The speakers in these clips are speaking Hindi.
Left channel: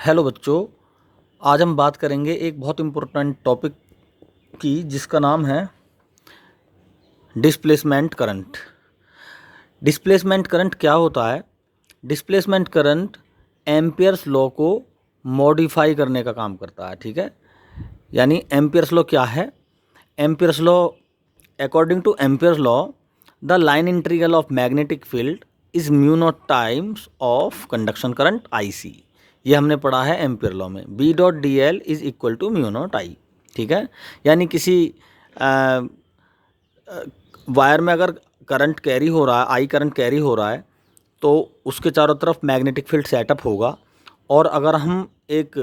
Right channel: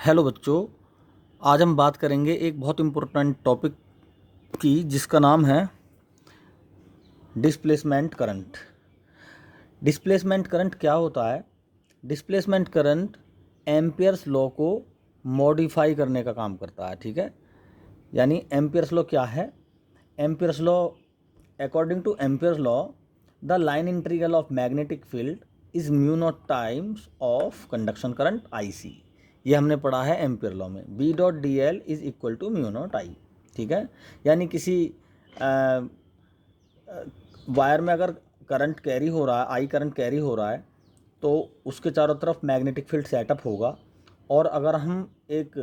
हेलो बच्चों। आज हम बात करेंगे एक बहुत इम्पोर्टेंट टॉपिक की जिसका नाम है डिस्प्लेसमेंट करंट। डिस्प्लेसमेंट करंट क्या होता है? डिस्प्लेसमेंट करंट एम्पियर्स लॉ को मॉडिफाई करने का काम करता है। ठीक है, यानी एम्पियर्स लॉ क्या है? Ampere's law, according to Ampere's law the line integral of magnetic field is mu naught times of conduction current I C. ये हमने पढ़ा है एम्पियर लॉ में। B dot D L is equal to mu naught I. ठीक है, यानी किसी वायर में अगर करंट कैरी हो रहा है, आई करंट कैरी हो रहा है, तो उसके चारों तरफ मैग्नेटिक फील्ड सेटअप होगा। और अगर हम एक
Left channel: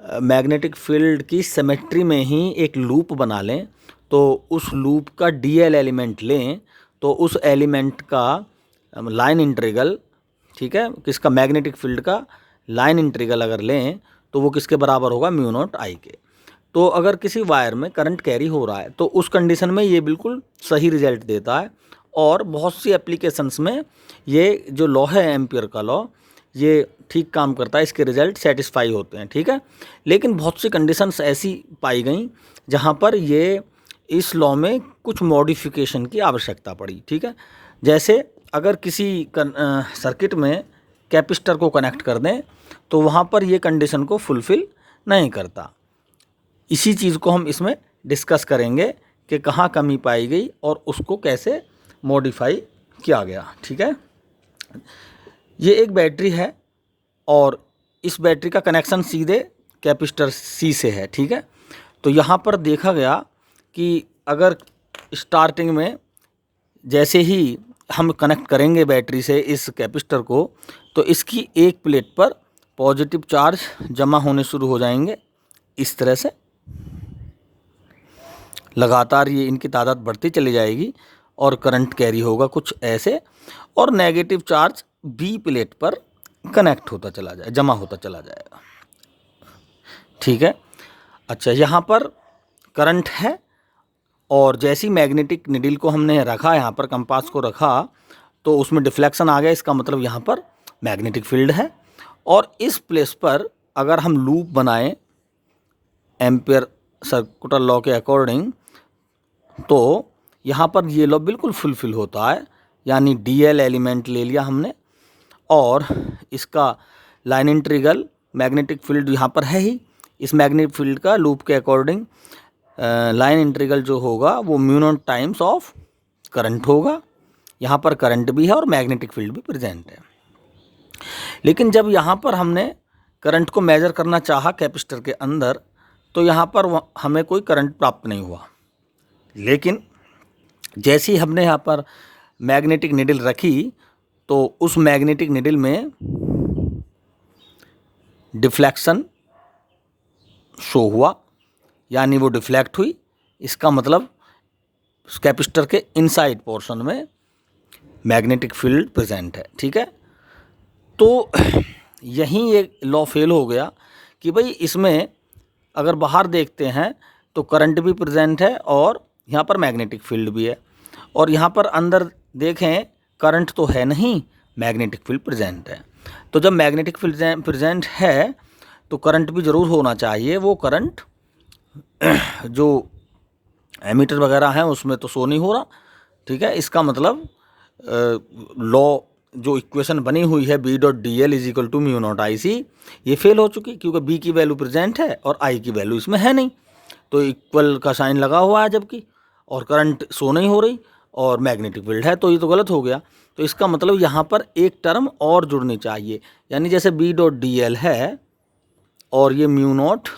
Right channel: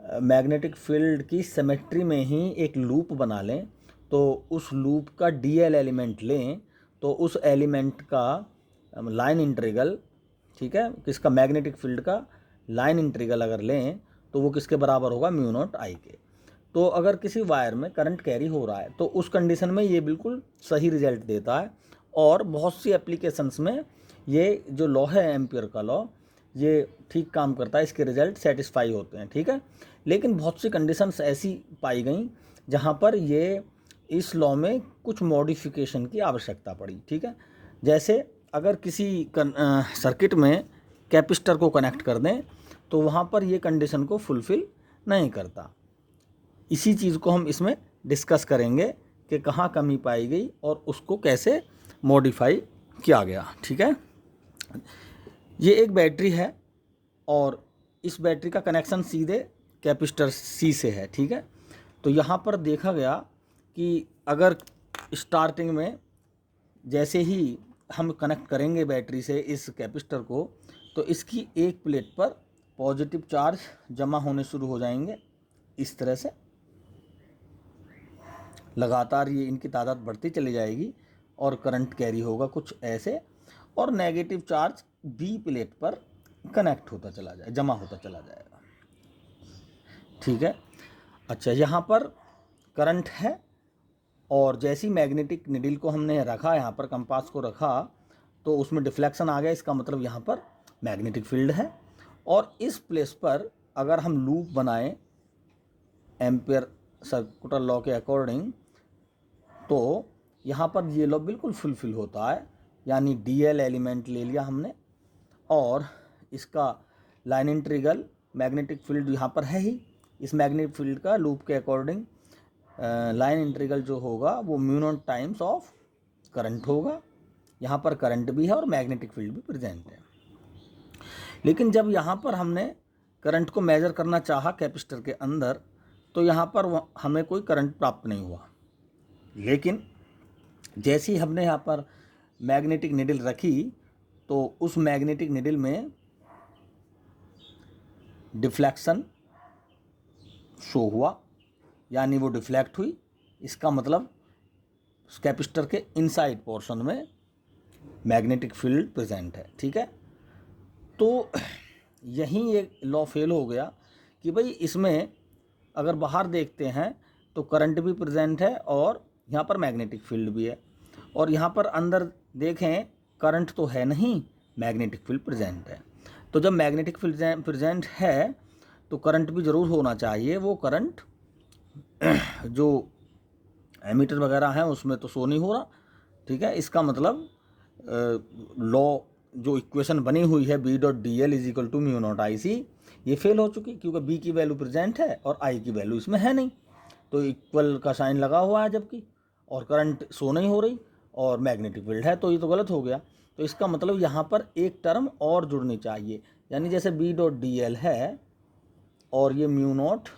मैग्नेटिक फील्ड की सिमेट्री में ही एक लूप बना लें, तो उस लूप का डी एल एलिमेंट लें, तो उस एलिमेंट का लाइन इंटीग्रल, ठीक है, किसका, मैग्नेटिक फील्ड का लाइन इंटीग्रल अगर लें तो वो किसके बराबर होगा? म्यू नॉट आई के। तो अगर किसी वायर में करंट कैरी हो रहा है तो उस कंडीशन में ये बिल्कुल सही रिजल्ट देता है। और बहुत सी एप्लीकेशंस में ये जो लॉ है एम्पियर का लॉ, ये ठीक काम करता है, इसके रिजल्ट सेटिस्फाई होते हैं। ठीक है, लेकिन बहुत सी कंडीशंस ऐसी पाई गई जहाँ पर ये इस लॉ में कुछ मॉडिफिकेशन की आवश्यकता पड़ी। ठीक है, जैसे अगर किसी सर्किट में कैपेसिटर को कनेक्ट कर दें तो वहाँ पर ये कंडीशन को फुलफ़िल नहीं करता। इसी चीज़ को हम इसमें डिस्कस करेंगे कि कहाँ कमी पाई गई और उसको कैसे मॉडिफाई किया गया। ठीक है, ये एक बैटरी है और इस बैटरी का कनेक्शन सीधे कैपेसिटर सी से है। ठीक है, तो यहाँ पर देखा गया कि अगर स्टार्टिंग में जैसे ही हम कनेक्ट करेंगे बैटरी से इस कैपेसिटर को, तो इसकी एक प्लेट पर पॉजिटिव चार्ज जमा होने शुरू हो जाएंगे। इस तरह से लगातार ये इनकी तादाद बढ़ती चली जाएगी और करंट कैरी होगा कुछ ऐसे, और नेगेटिव चार्ज बी प्लेट पर कनेक्ट होता चला जाए, जमा होता चला जाएगा। ठीक है, अच्छा, यहाँ पर करंट है और जैसी मैग्नेटिक निडल को हमने रखा, यहाँ पर कंपास को रखा, तो उसमें डिफ्लेक्शन आ गया। इसका मतलब यहाँ पर मैग्नेटिक फील्ड है। और इस प्लेस पर अगर हम लूप बनाएं एम्पियर सर्कुलर लॉ के अकॉर्डिंग, तो यहाँ पर ये लॉ बिल्कुल फुलफिल होता है। यानी डी एल एलिमेंट ले लिया हमने और इसका लाइन इंटीग्रल, मैग्नेटिक फील्ड यहाँ पर है ही, इस मैग्नेटिक फील्ड का लूप के अकॉर्डिंग लाइन इंटीग्रल जो होगा वो mu naught times of current होगा। यहाँ पर करंट भी है और मैग्नेटिक फील्ड भी प्रेजेंट है। लेकिन जब यहाँ पर हमने करंट को मेजर करना चाहा कैपेसिटर के अंदर, तो यहाँ पर हमें कोई करंट प्राप्त नहीं हुआ। लेकिन जैसे ही हमने यहाँ पर मैग्नेटिक निडल रखी, तो उस मैग्नेटिक निडल में डिफ्लेक्शन शो हुआ, यानी वो डिफ्लेक्ट हुई। इसका मतलब कैपेसिटर के इनसाइड पोर्शन में मैग्नेटिक फील्ड प्रेजेंट है। ठीक है, तो यहीं ये लॉ फेल हो गया कि भाई इसमें अगर बाहर देखते हैं तो करंट भी प्रेजेंट है और यहाँ पर मैग्नेटिक फील्ड भी है, और यहाँ पर अंदर देखें करंट तो है नहीं, मैग्नेटिक फील्ड प्रेजेंट है। तो जब मैग्नेटिक फील्ड प्रेजेंट है तो करंट भी ज़रूर होना चाहिए। वो करंट जो एमीटर वगैरह हैं उसमें तो शो नहीं हो रहा। ठीक है, इसका मतलब लॉ जो इक्वेशन बनी हुई है B dot D L is equal to mu naught I C, ये फेल हो चुकी, क्योंकि बी की वैल्यू प्रेजेंट है और आई की वैल्यू इसमें है नहीं। तो इक्वल का साइन लगा हुआ है जबकि, और करंट शो नहीं हो रही और मैग्नेटिक फील्ड है, तो ये तो गलत हो गया। तो इसका मतलब यहाँ पर एक टर्म और जुड़नी चाहिए, यानी जैसे बी डॉट डी एल है और ये म्यू नॉट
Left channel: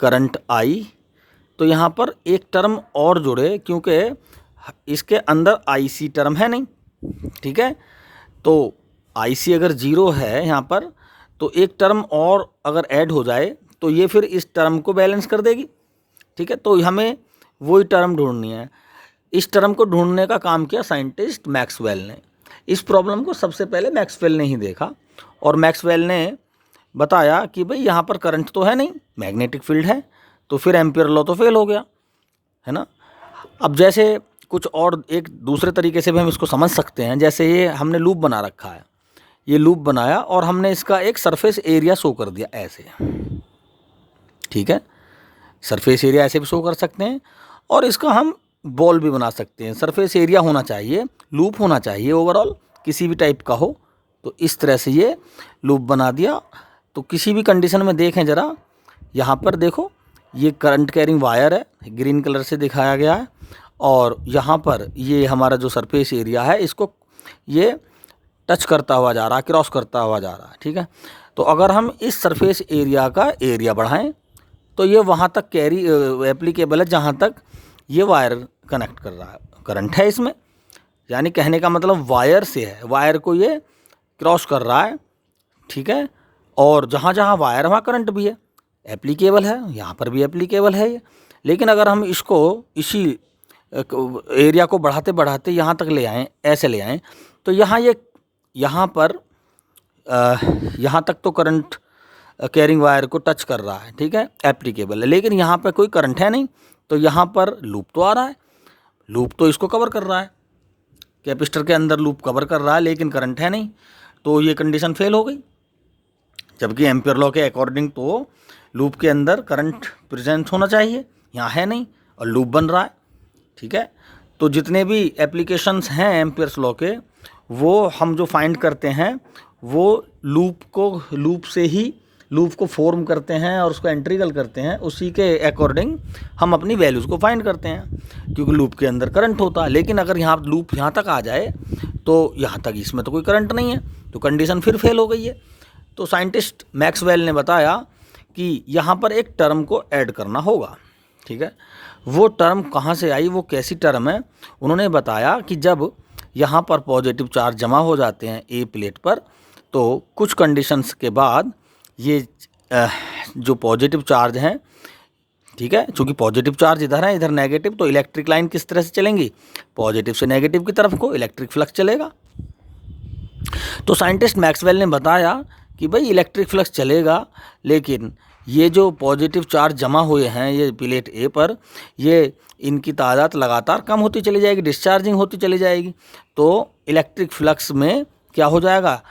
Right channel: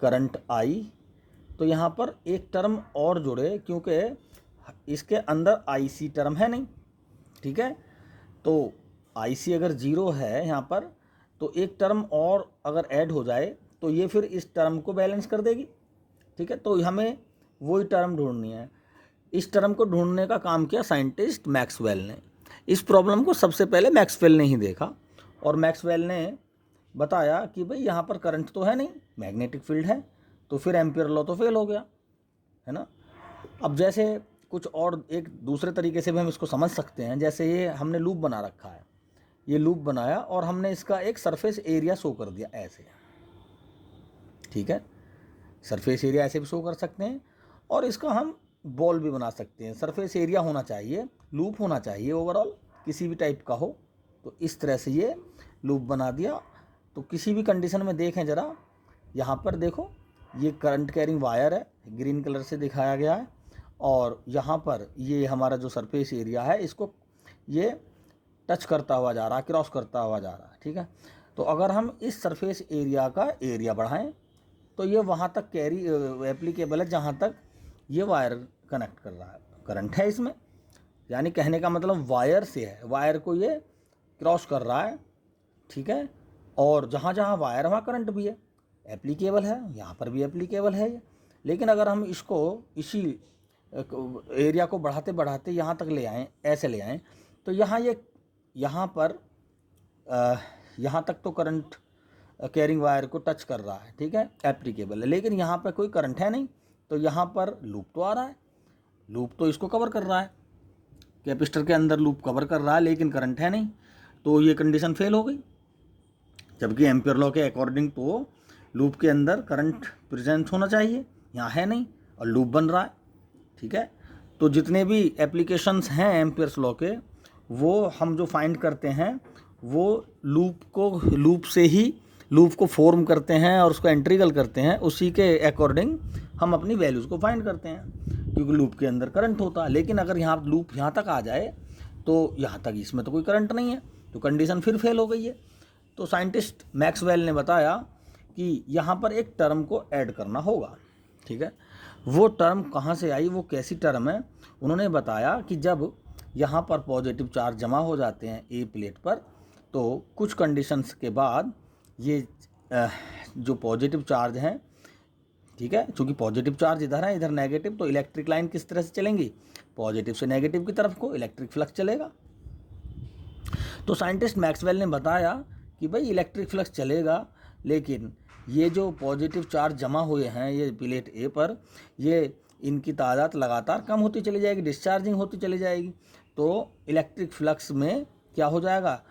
करंट आई, तो यहाँ पर एक टर्म और जुड़े, क्योंकि इसके अंदर आई सी टर्म है नहीं। ठीक है, तो आई सी अगर जीरो है यहाँ पर, तो एक टर्म और अगर ऐड हो जाए तो ये फिर इस टर्म को बैलेंस कर देगी। ठीक है, तो हमें वही टर्म ढूंढनी है। इस टर्म को ढूंढने का काम किया साइंटिस्ट मैक्सवेल ने। इस प्रॉब्लम को सबसे पहले मैक्सवेल ने ही देखा और मैक्सवेल ने बताया कि भाई यहाँ पर करंट तो है नहीं, मैग्नेटिक फील्ड है, तो फिर एम्पियर लॉ तो फेल हो गया, है ना। अब जैसे कुछ और एक दूसरे तरीके से भी हम इसको समझ सकते हैं। जैसे ये हमने लूप बना रखा है, ये लूप बनाया और हमने इसका एक सरफेस एरिया शो कर दिया ऐसे, ठीक है। सरफेस एरिया ऐसे भी शो कर सकते हैं और इसका हम बॉल भी बना सकते हैं। सरफेस एरिया होना चाहिए, लूप होना चाहिए ओवरऑल, किसी भी टाइप का हो। तो इस तरह से ये लूप बना दिया। तो किसी भी कंडीशन में देखें ज़रा, यहाँ पर देखो ये करंट कैरिंग वायर है, ग्रीन कलर से दिखाया गया है, और यहाँ पर ये हमारा जो सरफेस एरिया है इसको ये टच करता हुआ जा रहा है, क्रॉस करता हुआ जा रहा है, ठीक है। तो अगर हम इस सरफेस एरिया का एरिया बढ़ाएं तो ये वहाँ तक कैरी एप्लीकेबल है जहाँ तक ये वायर कनेक्ट कर रहा है, करंट है इसमें, यानी कहने का मतलब वायर से है, वायर को ये क्रॉस कर रहा है, ठीक है। और जहाँ जहाँ वायर वहाँ करंट भी है, एप्लीकेबल है, यहाँ पर भी एप्लीकेबल है ये। लेकिन अगर हम इसको इसी एरिया को बढ़ाते बढ़ाते यहाँ तक ले आएँ, ऐसे ले आएँ, तो यहाँ पर यहाँ तक तो करंट कैरिंग वायर को टच कर रहा है, ठीक है, एप्लीकेबल है। लेकिन यहाँ पर कोई करंट है नहीं, तो यहाँ पर लूप तो आ रहा है, लूप तो इसको कवर कर रहा है, कैपेसिटर के अंदर लूप कवर कर रहा है, लेकिन करंट है नहीं, तो ये कंडीशन फेल हो गई। जबकि एम्पियर लॉ के अकॉर्डिंग तो लूप के अंदर करंट प्रेजेंट होना चाहिए, यहाँ है नहीं और लूप बन रहा है, ठीक है। तो जितने भी एप्लीकेशंस हैं एम्पियर्स लॉ के, वो हम जो फाइंड करते हैं वो लूप को फॉर्म करते हैं और उसको इंटीग्रल करते हैं, उसी के अकॉर्डिंग हम अपनी वैल्यूज़ को फाइंड करते हैं, क्योंकि लूप के अंदर करंट होता है। लेकिन अगर यहाँ लूप यहाँ तक आ जाए तो यहाँ तक इसमें तो कोई करंट नहीं है, तो कंडीशन फिर फेल हो गई है। तो साइंटिस्ट मैक्सवेल ने बताया कि यहाँ पर एक टर्म को ऐड करना होगा, ठीक है। वो टर्म कहाँ से आई, वो कैसी टर्म है, उन्होंने बताया कि जब यहाँ पर पॉजिटिव चार्ज जमा हो जाते हैं ए प्लेट पर, तो कुछ कंडीशंस के बाद ये जो पॉजिटिव चार्ज हैं, ठीक है, चूँकि पॉजिटिव चार्ज इधर है, इधर नेगेटिव, तो इलेक्ट्रिक लाइन किस तरह से चलेंगी, पॉजिटिव से नेगेटिव की तरफ को इलेक्ट्रिक फ्लक्स चलेगा। तो साइंटिस्ट मैक्सवेल ने बताया कि भाई इलेक्ट्रिक फ्लक्स चलेगा, लेकिन ये जो पॉजिटिव चार्ज जमा हुए हैं ये प्लेट ए पर, ये इनकी तादाद लगातार कम होती चली जाएगी, डिस्चार्जिंग होती चली जाएगी, तो इलेक्ट्रिक फ्लक्स में क्या हो जाएगा,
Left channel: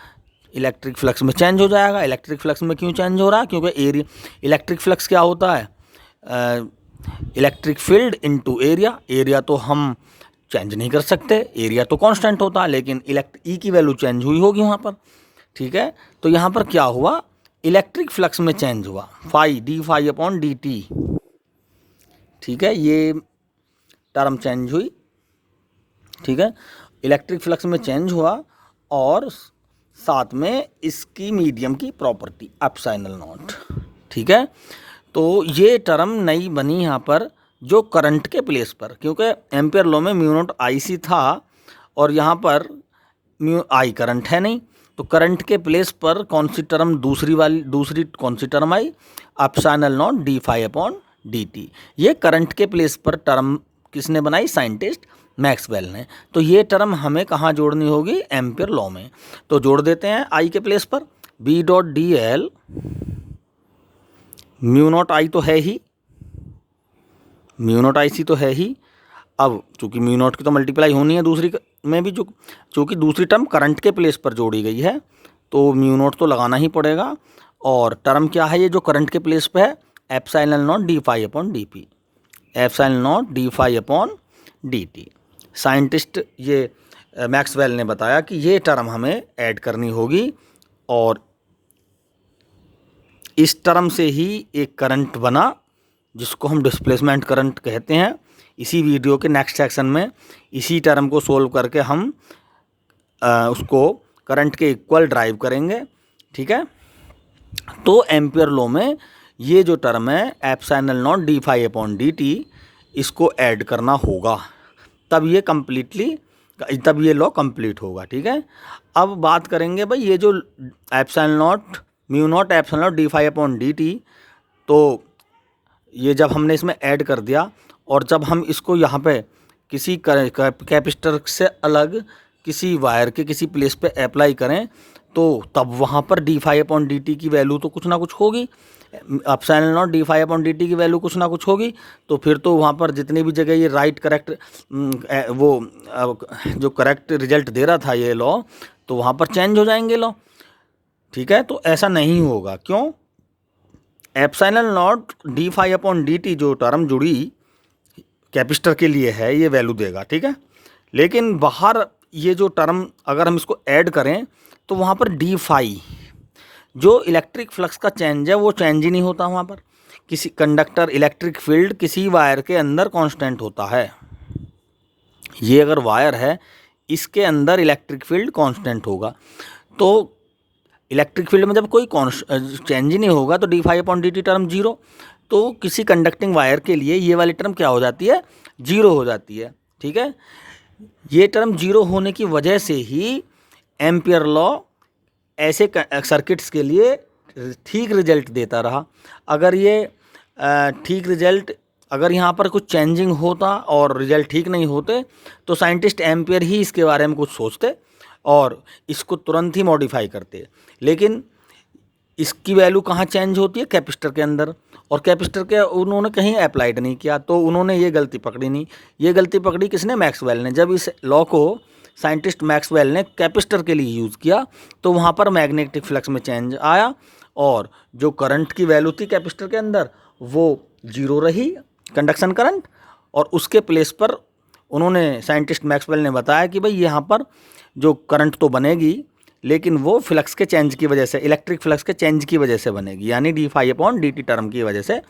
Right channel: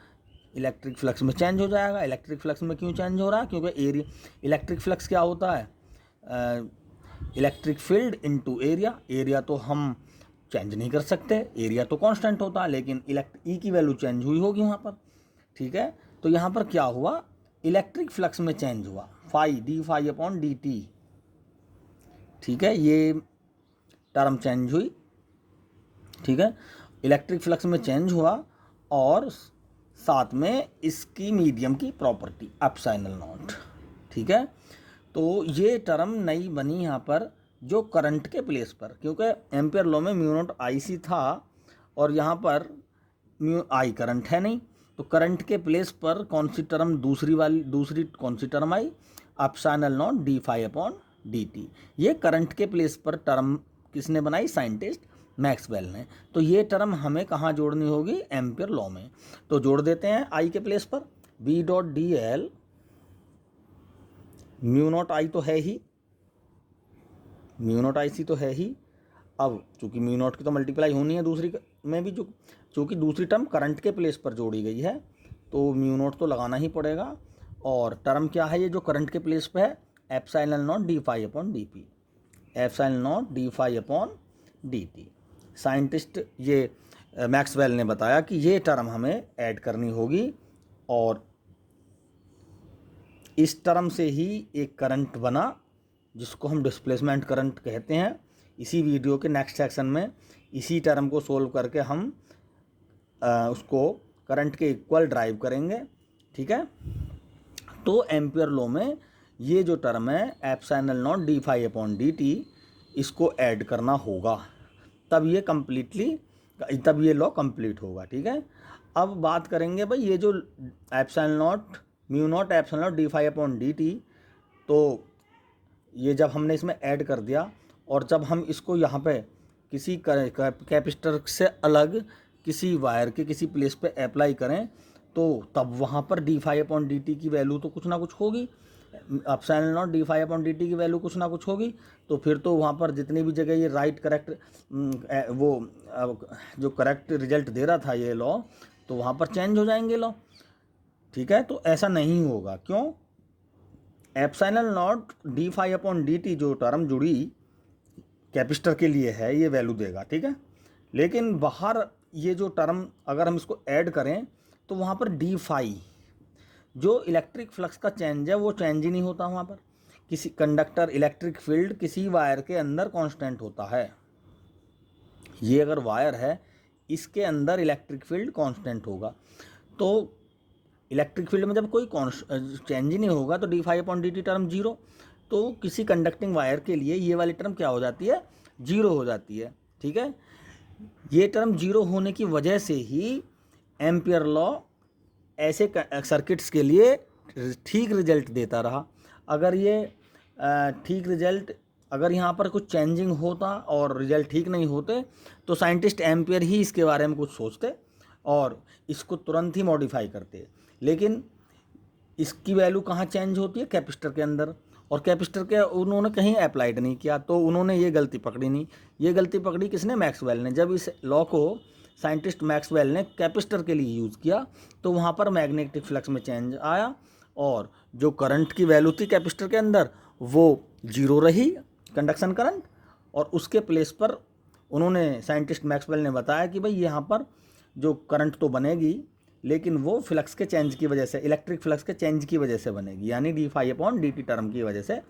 इलेक्ट्रिक फ्लक्स में चेंज हो जाएगा। इलेक्ट्रिक फ्लक्स में क्यों चेंज हो रहा है, क्योंकि इलेक्ट्रिक फ्लक्स क्या होता है, electric field into area. Area तो हम चेंज नहीं कर सकते, एरिया तो कांस्टेंट होता है, लेकिन ई की वैल्यू चेंज हुई होगी वहाँ पर, ठीक है। तो यहाँ पर क्या हुआ, इलेक्ट्रिक फ्लक्स में चेंज हुआ, phi d phi upon D t, ठीक है, ये टर्म चेंज हुई, ठीक है, इलेक्ट्रिक फ्लक्स में चेंज हुआ, और साथ में इसकी मीडियम की प्रॉपर्टी एप्सिलॉन नॉट, ठीक है। तो ये टर्म नई बनी यहाँ पर जो करंट के प्लेस पर, क्योंकि एम्पियर लॉ में म्यू नॉट आई सी था और यहाँ पर म्यू आई करंट है नहीं, तो करंट के प्लेस पर कौन सी टर्म दूसरी कौन सी टर्म आई, epsilon naught D phi upon D T. ये करंट के प्लेस पर टर्म किसने बनाई, साइंटिस्ट मैक्सवेल ने। तो ये टर्म हमें कहाँ जोड़नी होगी, एम्पियर लॉ में। तो जोड़ देते हैं आई के प्लेस पर, B dot D L, mu naught I तो है ही, म्यू नॉट आई सी तो है ही। अब चूंकि म्यू नॉट की तो मल्टीप्लाई होनी है दूसरी में भी, जो चूँकि दूसरी टर्म करंट के प्लेस पर जोड़ी गई है, तो म्यू नॉट तो लगाना ही पड़ेगा। और टर्म क्या है ये जो करंट के प्लेस पे है, epsilon naught D phi upon d p, epsilon naught D phi upon D t. Scientist ये मैक्सवेल ने बताया कि ये टर्म हमें ऐड करनी होगी, और इस टर्म से ही एक करंट बना जिसको हम डिस्प्लेसमेंट करंट कहते हैं। इसी वीडियो के नेक्स्ट सेक्शन में इसी टर्म को सोल्व करके हम उसको करंट के इक्वल ड्राइव करेंगे, ठीक है। तो एम्पियर लॉ में ये जो टर्म है epsilon naught D phi upon D t, इसको ऐड करना होगा, तब ये लॉ कंप्लीट होगा, ठीक है। अब बात करेंगे भाई ये जो epsilon naught mu naught epsilon naught D phi upon D t, तो ये जब हमने इसमें ऐड कर दिया और जब हम इसको यहाँ पे किसी कैपेसिटर से अलग किसी वायर के किसी प्लेस पे अप्लाई करें, तो तब वहाँ पर d phi upon D t की वैल्यू तो कुछ ना कुछ होगी, epsilon naught D phi upon D t की वैल्यू कुछ ना कुछ होगी। तो फिर तो वहाँ पर जितनी भी जगह ये करेक्ट जो करेक्ट रिजल्ट दे रहा था ये लॉ, तो वहाँ पर चेंज हो जाएंगे लॉ, ठीक है। तो ऐसा नहीं होगा, क्यों? Epsilon naught D phi upon D t जो टर्म जुड़ी कैपेसिटर के लिए है ये वैल्यू देगा, ठीक है। लेकिन बाहर ये जो टर्म अगर हम इसको ऐड करें तो वहाँ पर डी फाई जो इलेक्ट्रिक फ्लक्स का चेंज है वो चेंज ही नहीं होता वहाँ पर। किसी कंडक्टर इलेक्ट्रिक फील्ड किसी वायर के अंदर कांस्टेंट होता है। ये अगर वायर है इसके अंदर इलेक्ट्रिक फील्ड कांस्टेंट होगा, तो इलेक्ट्रिक फील्ड में जब कोई चेंज ही नहीं होगा तो d phi upon D t term zero. तो किसी कंडक्टिंग वायर के लिए ये वाली टर्म क्या हो जाती है? जीरो हो जाती है, ठीक है। ये टर्म जीरो होने की वजह से ही एम्पियर लॉ ऐसे सर्किट्स के लिए ठीक रिजल्ट देता रहा। अगर ये ठीक रिजल्ट अगर यहाँ पर कुछ चेंजिंग होता और रिजल्ट ठीक नहीं होते तो साइंटिस्ट एम्पियर ही इसके बारे में कुछ सोचते और इसको तुरंत ही मॉडिफाई करते। लेकिन इसकी वैल्यू कहाँ चेंज होती है? कैपेसिटर के अंदर, और कैपेसिटर के उन्होंने कहीं अप्लाइड नहीं किया, तो उन्होंने ये गलती पकड़ी नहीं। ये गलती पकड़ी किसने? मैक्सवेल ने। जब इस लॉ को साइंटिस्ट मैक्सवेल ने कैपेसिटर के लिए यूज़ किया तो वहाँ पर मैग्नेटिक फ्लक्स में चेंज आया और जो करंट की वैल्यू थी कैपेसिटर के अंदर वो जीरो रही, कंडक्शन करंट। और उसके प्लेस पर उन्होंने साइंटिस्ट मैक्सवेल ने बताया कि भाई यहाँ पर जो करंट तो बनेगी लेकिन वो फ्लक्स के चेंज की वजह से, इलेक्ट्रिक फ्लक्स के चेंज की वजह से बनेगी, यानी d phi upon D t term की वजह से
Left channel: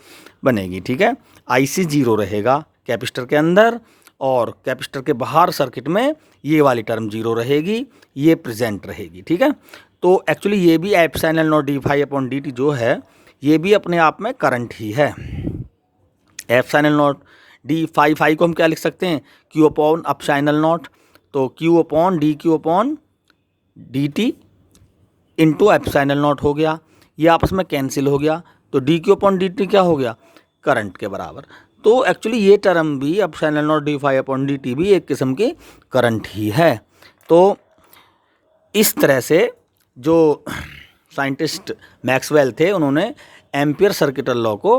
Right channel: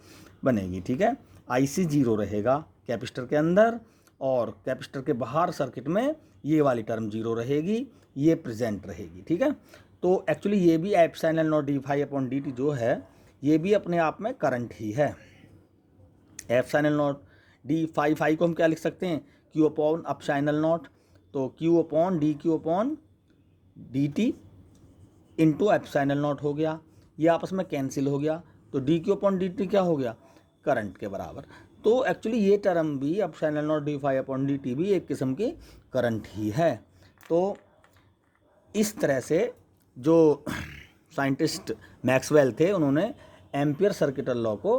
बनेगी, ठीक है। आईसी जीरो रहेगा कैपेसिटर के अंदर और कैपेसिटर के बाहर सर्किट में ये वाली टर्म जीरो रहेगी, ये प्रेजेंट रहेगी, ठीक है। तो एक्चुअली ये भी epsilon naught D phi upon D t जो है ये भी अपने आप में करंट ही है। एप्सिलॉन नॉट डी फाई को हम क्या लिख सकते हैं? क्यू अपॉन एप्सिलॉन नॉट, तो Q upon D Q upon D T into epsilon not हो गया, ये आपस में कैंसिल हो गया, तो D Q upon D T क्या हो गया? करंट के बराबर। तो एक्चुअली ये टर्म भी epsilon naught D phi upon D t भी एक किस्म की करंट ही है। तो इस तरह से जो साइंटिस्ट मैक्सवेल थे उन्होंने एम्पियर सर्किटल लॉ को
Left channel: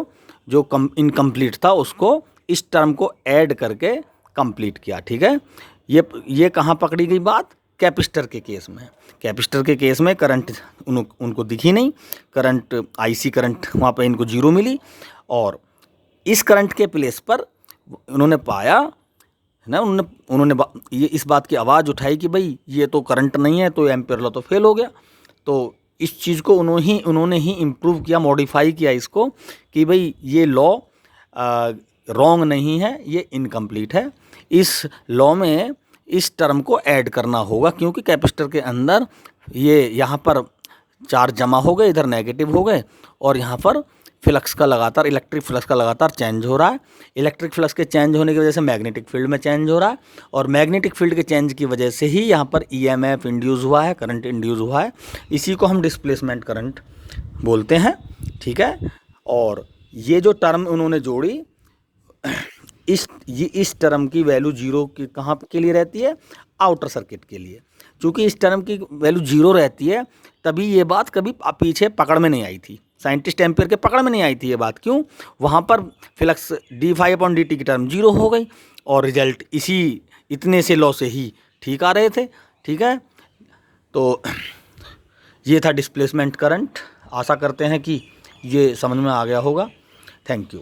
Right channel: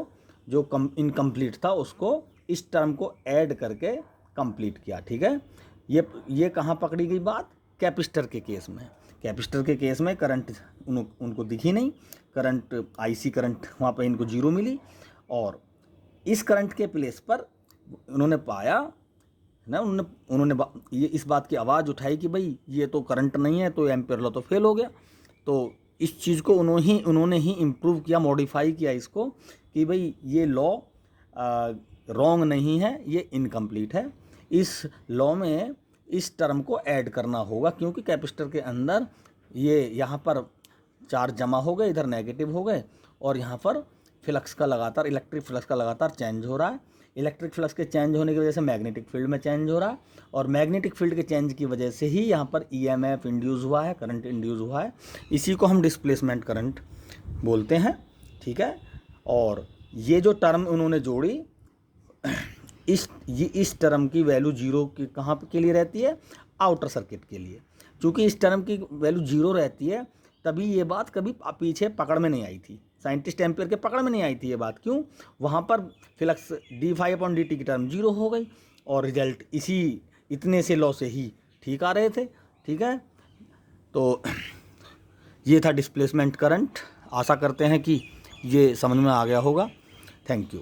जो इनकम्प्लीट था उसको इस टर्म को ऐड करके कंप्लीट किया, ठीक है। ये कहाँ पकड़ी गई बात? कैपेसिटर के केस में। कैपेसिटर के केस में करंट उनको दिखी नहीं, करंट आईसी करंट वहाँ पे इनको जीरो मिली और इस करंट के प्लेस पर उन्होंने पाया ना, उन्होंने ये इस बात की आवाज़ उठाई कि भाई ये तो करंट नहीं है, तो एम्पियर लॉ तो फेल हो गया। तो इस चीज़ को उन्होंने ही इम्प्रूव किया, मॉडिफाई किया इसको कि भाई ये लॉ रॉन्ग नहीं है, ये इनकम्प्लीट है। इस लॉ में इस टर्म को ऐड करना होगा क्योंकि कैपेसिटर के अंदर ये यहाँ पर चार्ज जमा हो गए, इधर नेगेटिव हो गए और यहाँ पर फ्लक्स का लगातार, इलेक्ट्रिक फ्लक्स का लगातार चेंज हो रहा है। इलेक्ट्रिक फ्लक्स के चेंज होने की वजह से मैग्नेटिक फील्ड में चेंज हो रहा है और मैग्नेटिक फील्ड के चेंज की वजह से ही यहाँ पर ईएमएफ इंड्यूस हुआ है, करंट इंड्यूस हुआ है। इसी को हम डिस्प्लेसमेंट करंट बोलते हैं, ठीक है। और ये जो टर्म उन्होंने जोड़ी इस टर्म की वैल्यू जीरो की कहाँ के लिए रहती है? आउटर सर्किट के लिए। चूँकि इस टर्म की वैल्यू जीरो रहती है तभी ये बात कभी पीछे पकड़ में नहीं आई थी, साइंटिस्ट एम्पियर के पकड़ में नहीं आई थी ये बात। क्यों? वहाँ पर flux d phi upon D t की टर्म जीरो हो गई और रिजल्ट इतने से लॉ से ही ठीक आ रहे थे, ठीक है। तो ये था डिस्प्लेसमेंट करंट। आशा करते हैं कि ये समझ में आ गया होगा। Thank you.